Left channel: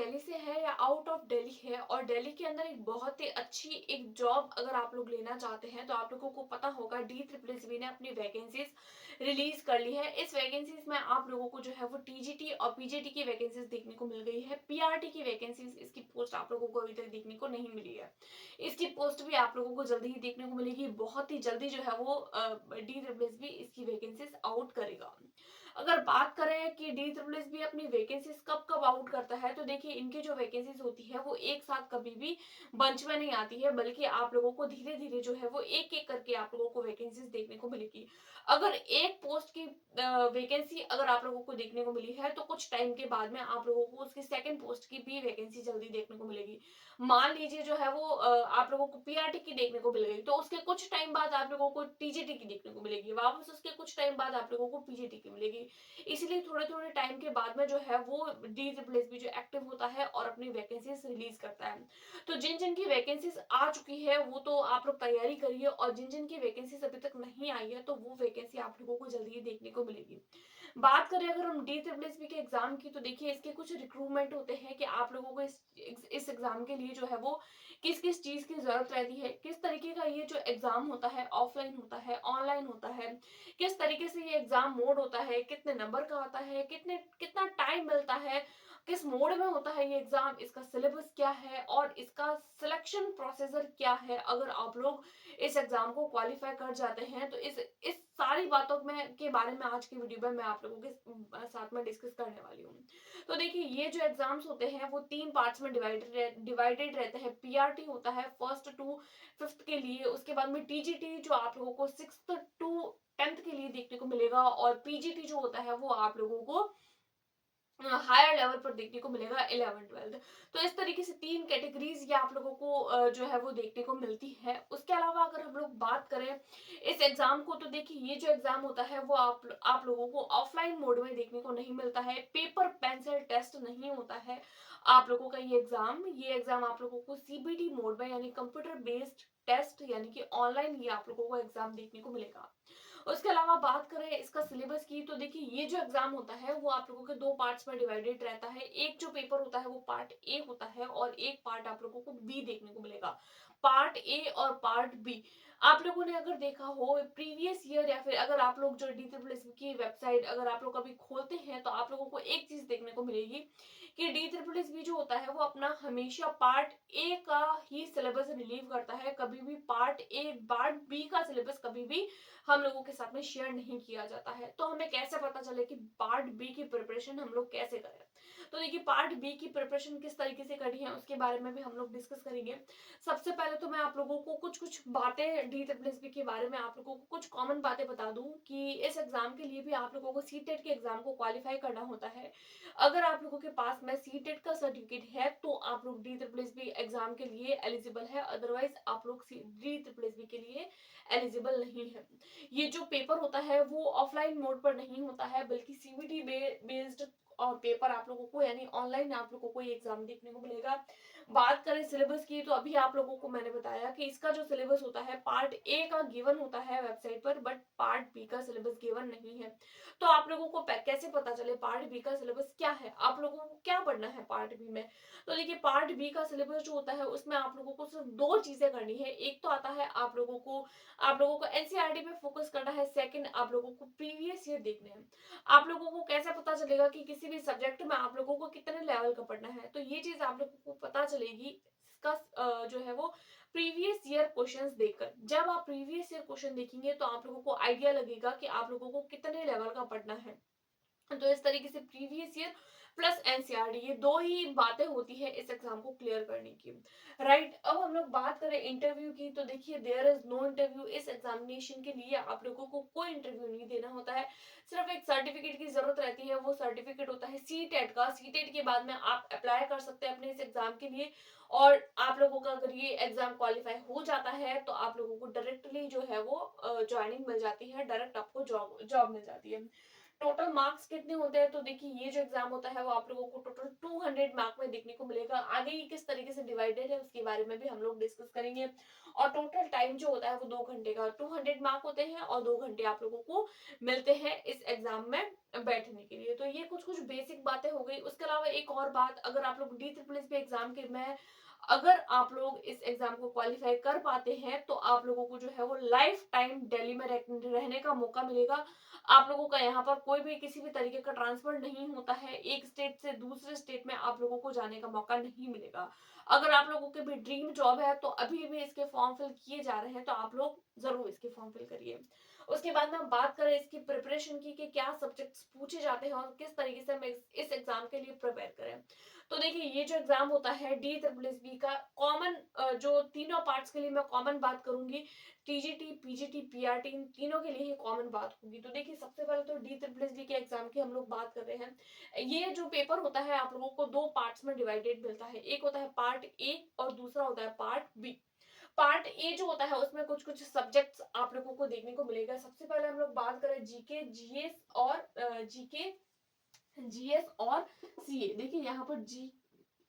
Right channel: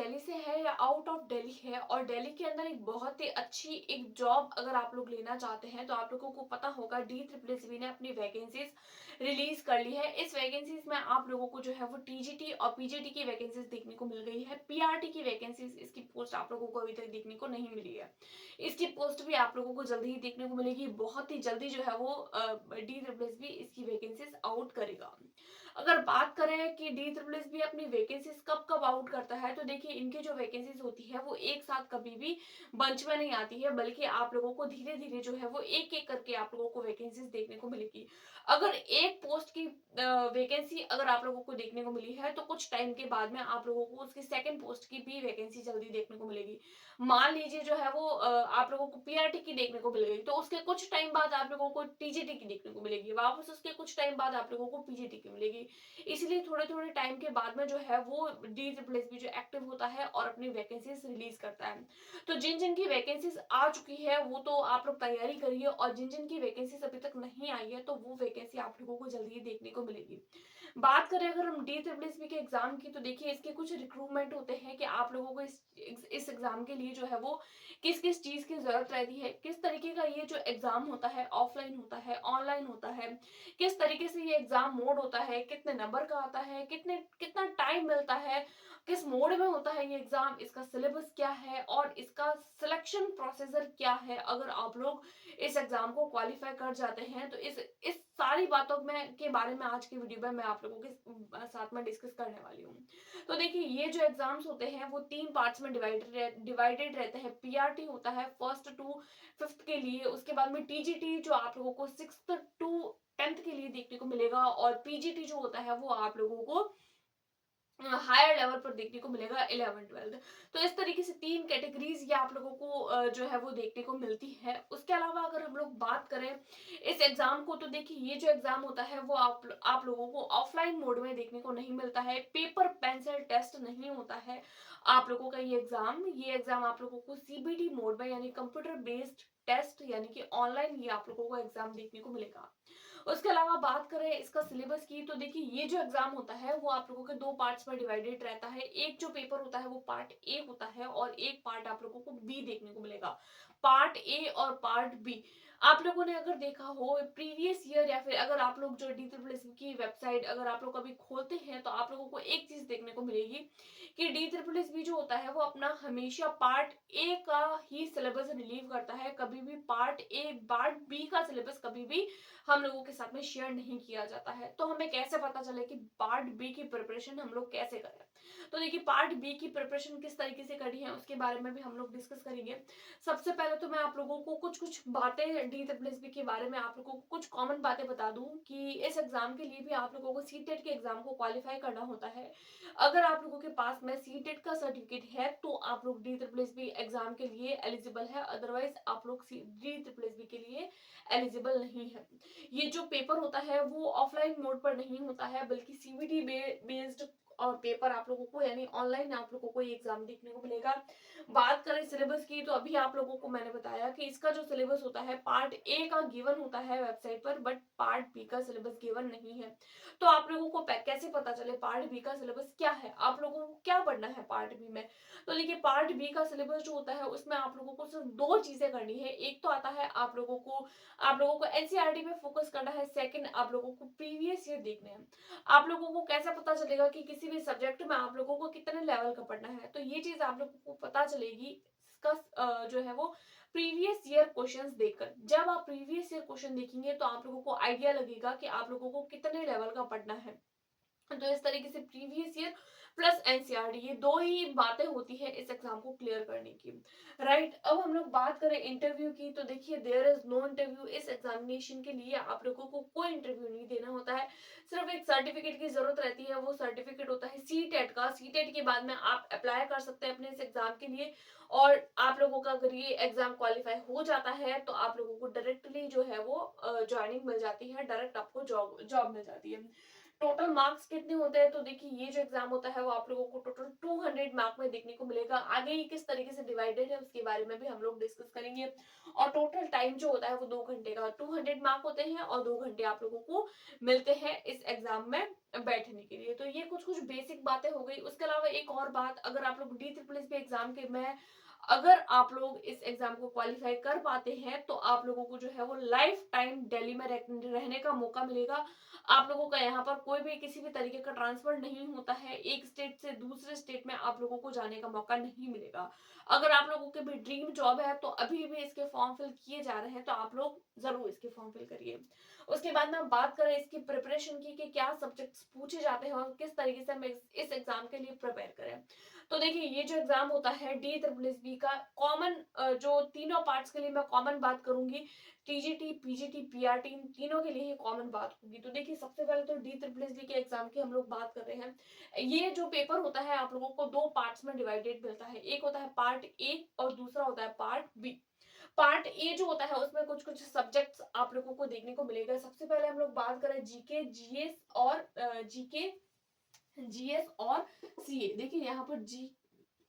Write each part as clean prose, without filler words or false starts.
दिल्ली से है या आउट ऑफ दिल्ली है और दिल्ली के अंदर एक बहुत ही अच्छी एक जॉब अगर आप लोग लेना चाहते हैं तो आप लोगों को पता होगा DSSB ने अपनी वैकेंसीज रिलीज कर ली है। इस वैकेंसीज में आप लोगों को जो है वो TGT और PGT की वैकेंसीज देखने को मिल गई है। PRT की वैकेंसीज इसकी पोस्ट आप लोगों को अभी तक देखने को नहीं मिली है। इसकी पोस्ट भी आप लोगों को जल्दी ही देखने को मिलेगी। बहुत ही जल्दी जो है वो DSSB इसकी वैकेंसीज आउट करेगा। अगर बात करें कि DSSB अपनी वैकेंसीज कब कब आउट करता है तो देखिए इनकी जो वैकेंसीज होती है वो एक साथ कभी भी बंच में नहीं आती है, बल्कि आप लोगों को धीरे धीरे जो है वो एक एक करके आप लोगों को वैकेंसीज देखने को मिलेगी। अगर एक पोस्ट की वैकेंसी अगर आप लोगों को देखने को मिली है तो कुछ टाइम के बाद में आप लोगों को उसकी सेकंड पोस्ट की भी वैकेंसी जल्दी देखने को मिलेगी। मान लीजिए जो है वो आप लोगों को PRT की देखने को मिल गई तो उसके कुछ टाइम बाद आप लोगों को TGT की देखने को मिलेगी, वापस उसके कुछ टाइम बाद आप लोगों को PGT की मिलेगी। इसलिए थोड़े थोड़े टाइम के बाद में जो है वो DSSB जो एक्टिव होता है और अपनी वैकेंसीज रिलीज करता है। तो जिन जिन की वैकेंसीज आ चुकी है वो तो आप लोग तैयारी करिए, और जिन जिन की वैकेंसीज अभी तक नहीं आई है तो वो वैकेंसी आप लोगों को जल्दी ही देखने को मिलेगी। बात करें अगर हम DSSB के एग्जाम की तो देखिए इसके कुछ रिक्रूटमेंट होते हैं कि आप लोगों को इस एग्जाम के लिए जो है वो किस किस चीज की जरूरत रहती है, किस तरीके का ये जो एग्जाम होता है ऑफलाइन होता है ऑनलाइन होता है, किस तरीके से ये एग्जाम मोड होता है, कितने नंबर का आता है, कितना टाइम मिलता है, किस मोड में होता है ये एग्जाम, इसका सिलेबस क्या है और इसका सिलेक्शन प्रोसीजर क्या है। अगर आप लोग इस एग्जाम को क्वालिफाई कर जाते हैं तो इस सारी बातों में के बारे में आज की वीडियो में मैं आप लोगों के साथ में डिस्कस करने वाली हूँ। तो देखिए ये जो एग्जाम्स होते हैं वो 3 पार्ट्स में डिवाइडेड रहते हैं। PRT होता है 1st टू 5th के लिए, उसके बाद में TGT जो आप लोगों को 6th टू 10th के लिए देखने को मिलेगा, और PGT जो होता है वो आप लोगों को हायर लेवल पर देखने को मिलेगा 11th 12th। तो इस तरीके से 3 कैटेगरीज ये आप लोगों को जो है वो देखने को मिलती है। उसके अलावा अगर हम लोग बात करें इस एग्जाम को तो देखिए ये जो एग्जाम होता है वो आप लोगों को ऑफलाइन मोड में देखने को नहीं मिलता है, पेपर पेंसिल टेस्ट नहीं होता है आप लोगों का ये एग्जाम आप लोगों को CBT मोड में यानी कंप्यूटर बेस्ड टेस्ट यानी कि ऑनलाइन ये आप लोगों को एग्जाम देखने को मिलेगा। उसके अलावा बात करें इसका सिलेबस की तो देखिए ये जो एग्जाम होता है वो आप लोगों के 2 पार्ट्स में डिवाइडेड रहता है। एक जो पेपर होता है वो पार्ट ए होता है और एक पार्ट आप लोगों को बी देखने को मिलेगा। पार्ट ए और पार्ट बी आप लोगों ने अगर देखा हो प्रीवियस ईयर या फिर अगर आप लोग जो DSSB की वेबसाइट अगर आप लोग कभी खोलते हैं तो आप लोगों को एक चीज देखने को मिलेगी कि DSSB जो होता है वो अपना हमेशा पार्ट ए का ही सिलेबस रिलीव करता है, कभी भी पार्ट बी का सिलेबस कभी भी हम लोगों के साथ में शेयर नहीं किया जाता है। तो हमें कैसे पता चले कि पार्ट बी की प्रिपरेशन हम लोग कैसे करें। तो देखिए पार्ट बी की प्रिपरेशन किस तरीके से करनी है उसके बारे में भी हम लोग डिस्कस करेंगे। सबसे पहले तो मैं आप लोगों को कुछ कुछ बातें DSSB के बारे में आप लोगों को कुछ कॉमन बातें बता दूं कि इस एग्जाम के लिए भी आप लोगों को CTET के एग्जाम को क्वालिफाई करना होता है। अगर आप लोगों के पास में CTET का सर्टिफिकेट है तो आप लोग DSSB एग्जाम के लिए एलिजिबल है, अदरवाइज आप लोग DSSB के लिए एलिजिबल नहीं है। ये जो पेपर होता है वो ऑफलाइन मोड पर नहीं होता है बल्कि CBT बेस्ड और पेपर आप लोगों को यानी ऑनलाइन आप लोगों को ये एग्जाम देखने को मिलेगा। बात करें सिलेबस की तो अभी आप लोगों को मैंने बताया कि इसका जो सिलेबस होता है पार्ट ए का गिवन होता है वेबसाइट पर, बट पार्ट बी का सिलेबस गिवन नहीं है। तो आप लोगों को कैसे पता चले पार्ट बी का सिलेबस क्या है, आप लोगों को क्या पढ़ना है पार्ट बी में। तो देखिए पार्ट बी का सिलेबस जो होता है उसमें आप लोगों को सिर्फ 2 चीजें करनी है। एक तो आता है आप लोगों को NCERT पे फोकस करना है, सेकंड आप लोगों को प्रीवियस ईयर देखने हैं। आप लोगों को कैसे पता चलेगा कि किसी भी सब्जेक्ट में आप लोगों को कितने लेवल का पढ़ना है, तो ये चीज आप लोगों को पता चलेगी इसका जो है वो प्रीवियस ईयर क्वेश्चंस देखकर। जब आप प्रीवियस ईयर क्वेश्चन देखेंगे तो आप लोगों को आइडिया लगेगा कि आप लोगों को कितने लेवल का पढ़ना है। तो इस तरीके से प्रीवियस ईयर प्लस NCERT ये 2 ही बातें होती है इस एग्जाम को क्लियर करने की। राइट, अब हम लोग बात करें इंटरव्यू की तो देखिए देयर इज नो इंटरव्यू। इस एग्जामिनेशन के लिए आप लोगों को कोई इंटरव्यू नहीं देना होता है, सिर्फ एक सर्टिफिकेट की जरूरत रहती है। वो सर्टिफिकेट होता है CTET का। CTET के बाद में आप अप्लाई कर सकते हैं अपने इस एग्जाम के लिए, और आप लोगों का अगर ये एग्जाम क्वालिफाई हो जाता है तो आप लोगों को डायरेक्टली जो है वो ज्वाइनिंग मिल जाती है, डायरेक्ट आपको जॉब जॉब मिल जाती है। टोटल मार्क्स कितने होते हैं, तो देखिए ये जो एग्जाम होता है वो आप लोगों को टोटल 200 मार्क में देखने को मिलेगा। आगे ये किस तरीके से डिवाइडेड है उसके बारे में भी हम लोग डिस्कस करेंगे। और टोटल टाइम जो होता है वो 2 घंटे का, 200 मार्क होते हैं और 2 घंटे आप लोगों को मिलते हैं इस एग्जाम में बैठने के लिए। तो ये कुछ कुछ बेसिक बातें हो गई। उसके अलावा एक और बात, अगर आप लोग DSSS एग्जाम के में अगर आप लोग इस एग्जाम को क्वालिफाई कर पाते हैं तो आप लोगों को जो है वो लाइफ टाइम दिल्ली में रहने का मौका मिलेगा। आप लोगों का यहाँ पर कोई भी किसी भी तरीके का ट्रांसफर नहीं होता है, एक स्टेट से दूसरे स्टेट में आप लोगों को जाने का मौका नहीं मिलेगा। अगर आप लोगों के भी ड्रीम जॉब है तो अभी भी इसके फॉर्म फिल किए जा रहे हैं, तो आप लोग जरूर इसके फॉर्म फिल करिए। उसके बाद में हम बात करें इसकी प्रिपरेशन की कि क्या सब्जेक्ट्स पूछे जाते हैं और किस तरीके से हम इस एग्जाम के लिए प्रिपेयर करें। तो देखिए ये जो एग्जाम होता है DSSS का कॉमन, जो तीनों पार्ट्स के लिए मैं कॉमन बात करूंगी, TGT, PGT, PRT, इन तीनों के लिए ही कॉमन बात होगी। तो देखिए सबसे पहले तो DSSS के एग्जाम की हम लोग बात कर रहे हैं। ये जो पेपर होता है आप लोगों को दो पार्ट्स में डिवाइडेड मिलता है, एक होता है पार्ट ए और दूसरा होता है पार्ट बी। पार्ट ए जो होता है उसमें कुछ कुछ सब्जेक्ट्स आप लोगों को देखने को मिलेगा। सबसे पहले हम लोग बात करें जीके, जीएस और जीके, जीएस और सीए। देखिए यहाँ पर जी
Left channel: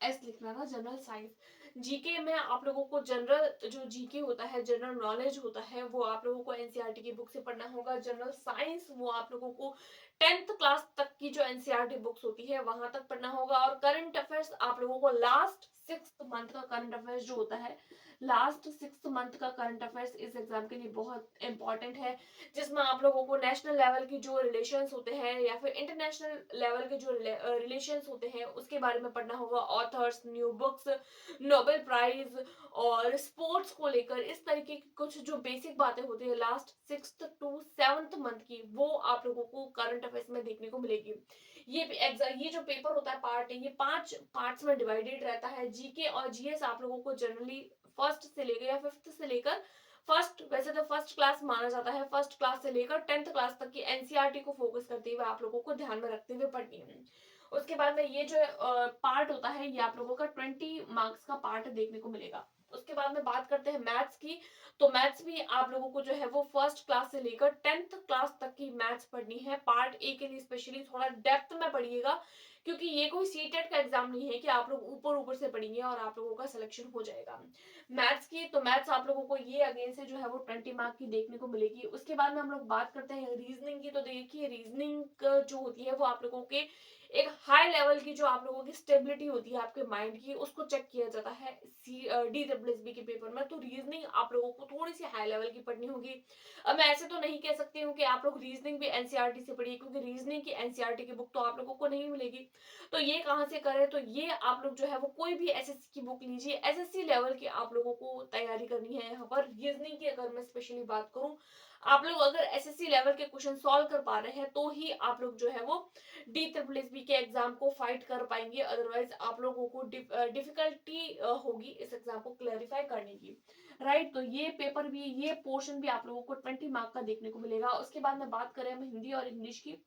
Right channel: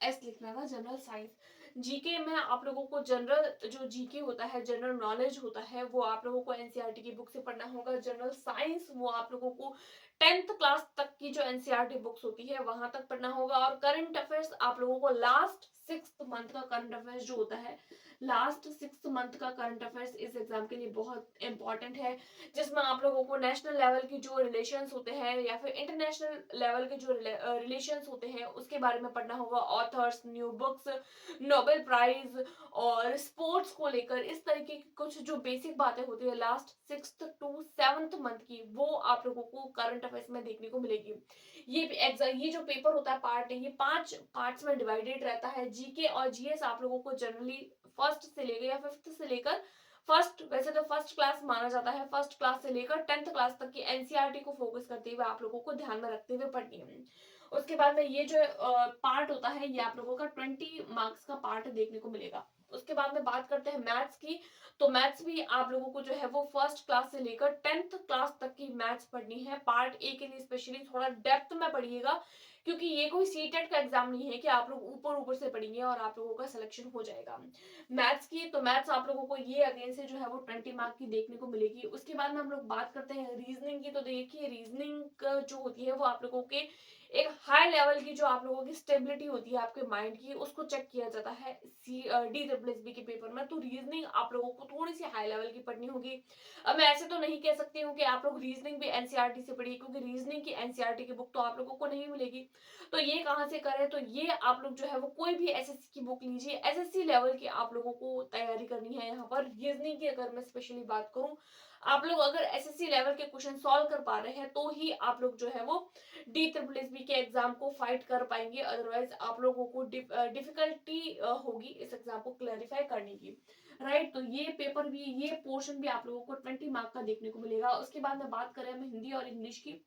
एस लिखना था, जनरल साइंस। जीके में आप लोगों को जनरल जो जीके होता है, जनरल नॉलेज होता है, वो आप लोगों को एनसीईआरटी की बुक से पढ़ना होगा। जनरल साइंस वो आप लोगों को 10th क्लास तक की जो एनसीईआरटी बुक्स होती है वहां तक पढ़ना होगा। और करंट अफेयर्स आप लोगों को लास्ट 6th मंथ का करंट अफेयर्स जो होता है, लास्ट 6th मंथ का करंट अफेयर्स इस एग्जाम के लिए बहुत इंपॉर्टेंट है, जिसमें आप लोगों को नेशनल लेवल की जो रिलेशंस होते हैं या फिर इंटरनेशनल लेवल के जो रिलेशंस होते हैं उसके बारे में पढ़ना होगा। Authors, new books, Nobel prize और स्पोर्ट्स को लेकर इस तरीके की कुछ जो बेसिक बातें होती है last 6th to 7th month की, वो आप लोगों को करंट अफेयर्स में देखने को मिलेगी। ये जो पेपर होता है पार्ट, ये 5 पार्ट्स में डिवाइडेड रहता है। जीके और जीएस आप लोगों को जनरली फर्स्ट से लेकर या 5th से लेकर, फर्स्ट वैसे तो फर्स्ट क्लास माना जाता है, फर्स्ट क्लास से लेकर 10th क्लास तक की एनसीईआरटी को फोकस करते हुए आप लोगों को ध्यान में रखते हुए पढ़नी है। उसके बाद में ये जो पार्ट होता है ये आप लोगों का 20 मार्क्स का पार्ट देखने को मिलेगा। उसके बाद में बात करते हैं मैथ्स की। तो मैथ्स भी आप लोगों को जो है वो फर्स्ट क्लास से लेकर 10th क्लास तक की मैथ्स पढ़नी है। पार्ट ए के लिए स्पेशली थोड़ा डेप्थ में पढ़िएगा, क्योंकि ये कोई सीटेट का एग्जाम नहीं है कि आप लोग ऊपर ऊपर से पढ़ेंगे और आप लोगों का सिलेक्शन हो जाएगा मैथ्स की। तो मैथ्स आप लोगों को ये अगेन से जो है वो 20 मार्क की देखने को मिलेगी। उसके बाद में हम लोग बात करते हैं रीजनिंग की। तो देखिए रीजनिंग जो होती है वो आप लोगों के एक हाई लेवल की जो आप लोगों की स्टेबिलिटी होती है आपके माइंड की, उसको चेक किया जाता है DSSS के पेपर में। तो रीजनिंग आप लोगों को थोड़ी सी हाई लेवल की पढ़नी होगी। अब मैं ऐसे तो नहीं कह सकती हूँ कि आप लोग रीजनिंग भी एनसीईआरटी से पढ़िए, क्योंकि रीजनिंग की एनसीईआरटी की बुक तो आप लोगों को नहीं मिलेगी। तो ये कहाँ से करें, तो ये आप लोग जो है वो कोई भी एसएससी की बुक लीजिए। एसएससी लेवल की आप लोगों को तैयारी करनी है। यहाँ पर रीजनिंग की अगर मैं स्पेशली बात करूँ, आप लोग अगर एसएससी लेवल के क्वेश्चन सॉल्व कर पा रहे हैं तो ही आप लोग जो है वो DSSS के एग्जाम को फाइट कर पाएंगे, अदरवाइज आप लोगों को डिफिकल्टी होगी इस एग्जाम को क्लैरिफाई करने की। राइट, तो ये पेपर भी, ये पोर्शन भी आप लोगों को 20 मार्क का देखने को मिलेगा। उसके बाद में बात करें हम हिंदी और इंग्लिश की।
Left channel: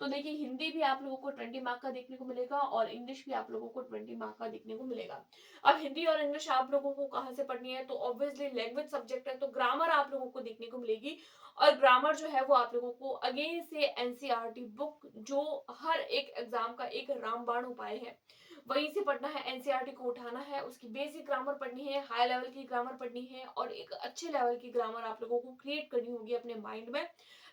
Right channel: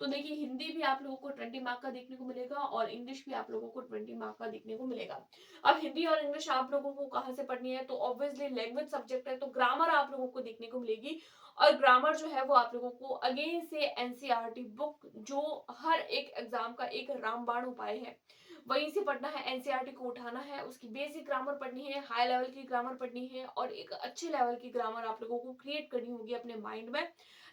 तो देखिए हिंदी भी आप लोगों को 20 मार्क का देखने को मिलेगा और इंग्लिश भी आप लोगों को 20 मार्क का देखने को मिलेगा। अब हिंदी और इंग्लिश आप लोगों को कहाँ से पढ़नी है, तो ऑब्वियसली लैंग्वेज सब्जेक्ट है, तो ग्रामर आप लोगों को देखने को मिलेगी। और ग्रामर जो है वो आप लोगों को अगेन से एनसीईआरटी बुक, जो हर एक एग्जाम का एक रामबाण उपाय है, वहीं से पढ़ना है। एनसीईआरटी को उठाना है, उसकी बेसिक ग्रामर पढ़नी है, हाई लेवल की ग्रामर पढ़नी है और एक अच्छे लेवल की ग्रामर आप लोगों को क्रिएट करनी होगी अपने माइंड में।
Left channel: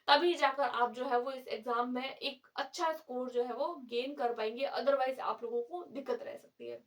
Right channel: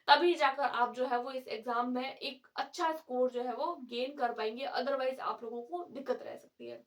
तभी जाकर आप जो है वो इस एग्जाम में एक अच्छा स्कोर जो है वो गेन कर पाएंगे, अदरवाइज आप लोगों को दिक्कत रह सकती है।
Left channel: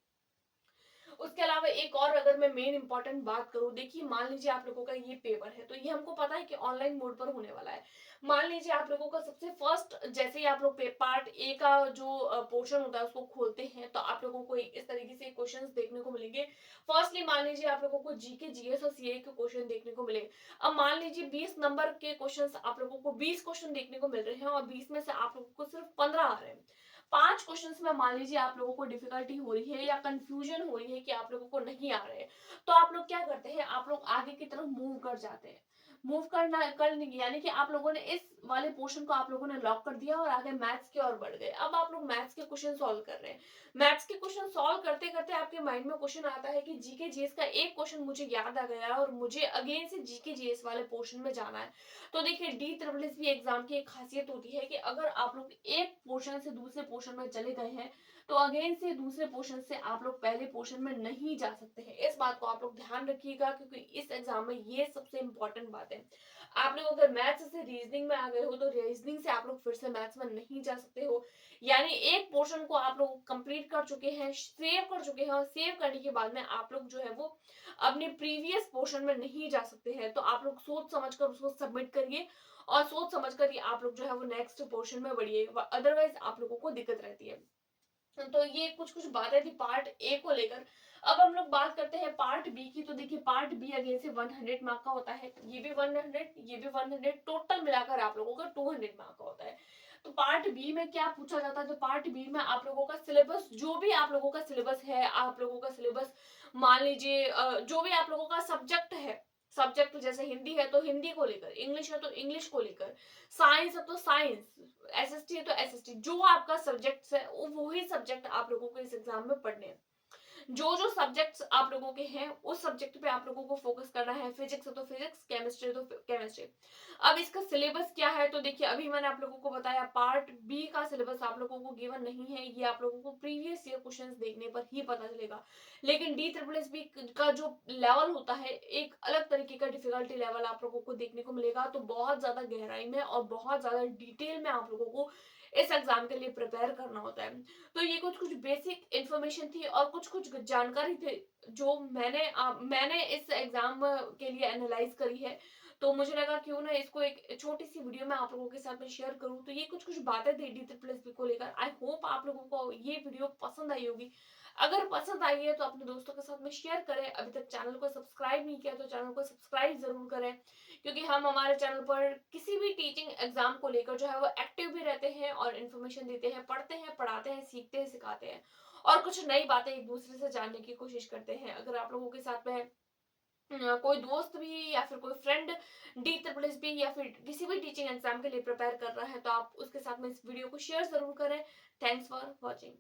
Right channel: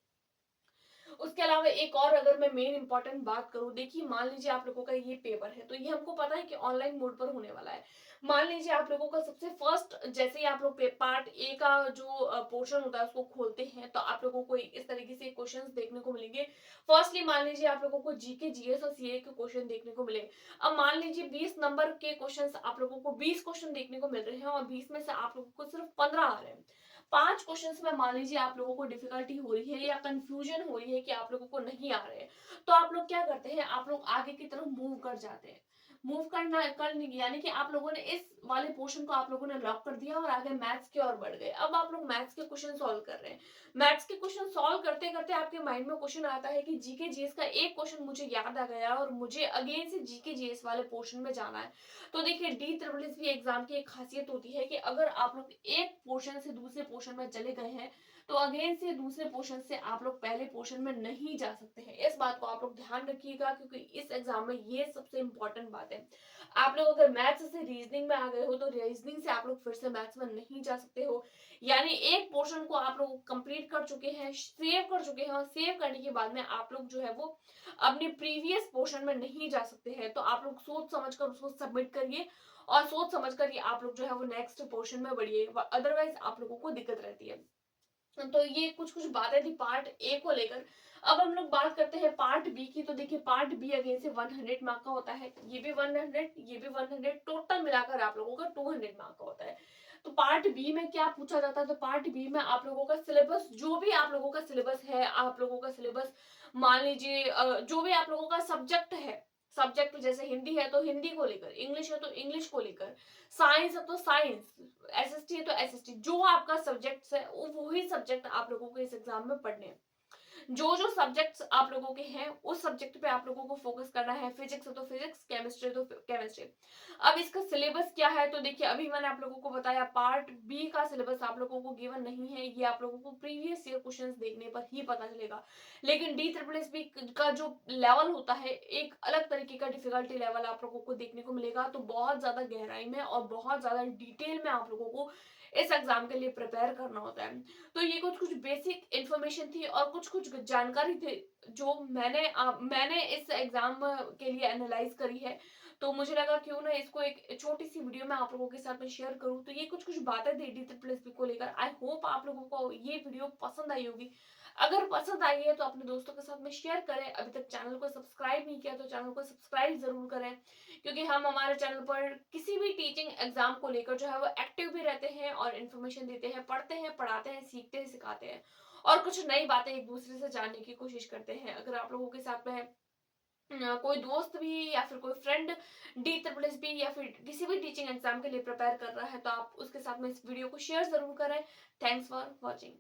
उसके अलावा एक और अगर मैं मेन इंपॉर्टेंट बात करूं, देखिए मान लीजिए आप लोगों का ये पेपर है, तो ये हमको पता है कि ऑनलाइन मोड पर होने वाला है। मान लीजिए आप लोगों का सबसे फर्स्ट, जैसे ही आप लोग पार्ट ए का जो पोर्शन होता है उसको खोलते हैं, तो आप लोगों को इस तरीके से क्वेश्चंस देखने को मिलेंगे। फर्स्टली मान लीजिए आप लोगों को जीके, जीएस और सीए के क्वेश्चन देखने को मिले। अब मान लीजिए 20 नंबर के क्वेश्चन, आप लोगों को 20 क्वेश्चन देखने को मिल रहे हैं और 20 में से आप लोगों को सिर्फ 15 आ रहे हैं। 5 क्वेश्चंस में मान लीजिए आप लोगों को डिफिकल्टी हो रही है या कंफ्यूजन हो रही है कि आप लोगों को नहीं आ रहे हैं, तो आप लोग क्या करते हैं, आप लोग आगे की तरफ मूव कर जाते हैं। मूव करना कर यानी कि आप लोगों ने इस वाले पोर्शन को आप लोगों ने लॉक कर दिया और आगे मैथ्स की ओर बढ़ गए। अब आप लोग मैथ्स के क्वेश्चन सॉल्व कर रहे हैं। मैथ्स के क्वेश्चन सॉल्व करते करते आपके माइंड में क्वेश्चन आता है कि जीके जीएस का एक क्वेश्चन मुझे याद आ गया और मुझे अगेन से जीके जीएस वाले पोर्शन में जाना है। तो देखिए D triple S B exam की एक खासियत होती है कि अगर आप लोग एक पोर्शन से दूसरे पोर्शन में चले गए हैं तो अगेन से दूसरे पोर्शन से आप लोग पहले पोर्शन में नहीं जा सकते हैं। इस बात को आप लोग ध्यान रखिएगा क्योंकि इस एग्जाम में ये सबसे इंपॉर्टेंट बात है। आप लोग अगर मैथ्स से रीजनिंग में आ गए हो तो रीजनिंग से आप लोग फिर से मैथ्स में नहीं जा सकते हो। यानी एक पोर्शन को आप लोग कंप्लीट कर चुके हैं, सेव कर चुके हैं और सेव करने के बाद में आप लोग जो है वो अपने प्रीवियस पोर्शन में नहीं जा सकते हैं। तो आप लोग सोच समझ कर उसको सबमिट करिए और सोच समझ कर ही आप लोग जो है वो नेक्स्ट पोर्शन में बढ़िए, अदरवाइज आप लोगों को दिक्कत रहती है। तो ये कुछ कुछ बातें थी पार्ट ए को लेकर। अब हम लोग बात करते हैं पार्ट बी की। तो देखिए पार्ट बी अगेन से 100 मार्क का होता है, ये भी 100, ये भी 100, टोटल मिलाकर आप लोगों का 200 मार्क का होता है। तो पार्ट बी में क्या पूछा जाता है, तो पार्ट बी में आप लोगों का सिलेबस, जो भी आप लोगों का सिलेबस है, आप लोगों का सिलेबस मान लीजिए जो भी आप लोगों का सब्जेक्ट है, सब्जेक्ट जैसे हिंदी है तो हिंदी को लेकर, इंग्लिश है तो इंग्लिश को लेकर, साइंस है तो साइंस, एसएसटी है तो एसएसटी, जो आपका सब्जेक्ट है वही सब्जेक्ट आप लोगों को इस एग्जाम में पढ़ने हैं। जो जो सब्जेक्ट्स आप लोगों के हैं उस सब्जेक्ट पे आप लोगों को फोकस करना है। फिजिक्स है तो फिजिक्स, केमिस्ट्री तो केमिस्ट्री। अब इसका सिलेबस क्या है, तो देखिए अभी मैंने आप लोगों को बताया पार्ट बी का सिलेबस आप लोगों को गिवन नहीं है, ये आप लोगों को प्रीवियस ईयर क्वेश्चंस देखने पर ही पता चलेगा। लेकिन डी ट्रिपल एस बी का जो लेवल होता है एक अलग तरीके का डिफिकल्टी लेवल आप लोगों को देखने को मिलेगा। तो बहुत ज्यादा गहराई में और बहुत ज्यादा डिटेल में आप लोगों को इस एग्जाम के लिए प्रिपेयर करना होता है। तो ये कुछ कुछ बेसिक इंफॉर्मेशन थी और कुछ कुछ जानकारी थी जो मैंने इस एग्जाम के लिए एनालाइज करी है। तो मुझे लगा क्यों ना इसको एक छोटी सी वीडियो में आप लोगों के साथ में शेयर करूं। तो ये कुछ कुछ बातें थी डी ट्रिपल एस बी को लेकर। आई होप आप लोगों को ये वीडियो पसंद आई होगी। अगर पसंद आई है तो अपने दोस्तों के साथ में शेयर करें। अभी तक चैनल को सब्सक्राइब नहीं किया तो चैनल को सब्सक्राइब जरूर करें, क्योंकि हम हमारे चैनल पर किसी भी टीचिंग एग्जाम को लेकर जो है वो एक्टिव भी रहते हैं और इन्फॉर्मेशन देते हैं, पढ़ते हैं, पढ़ाते हैं, सीखते हैं, सिखाते हैं और कुछ नई बातें एक दूसरे से जानने की कोशिश करते हैं। अगर आप लोगों के साथ में कोई दोस्त भी या फिर कोई friend D triple S B या फिर किसी भी टीचिंग एग्जाम के लिए प्रिपेयर कर रहा है तो आप उसके साथ में इस वीडियो को शेयर जरूर करें। Thanks for watching.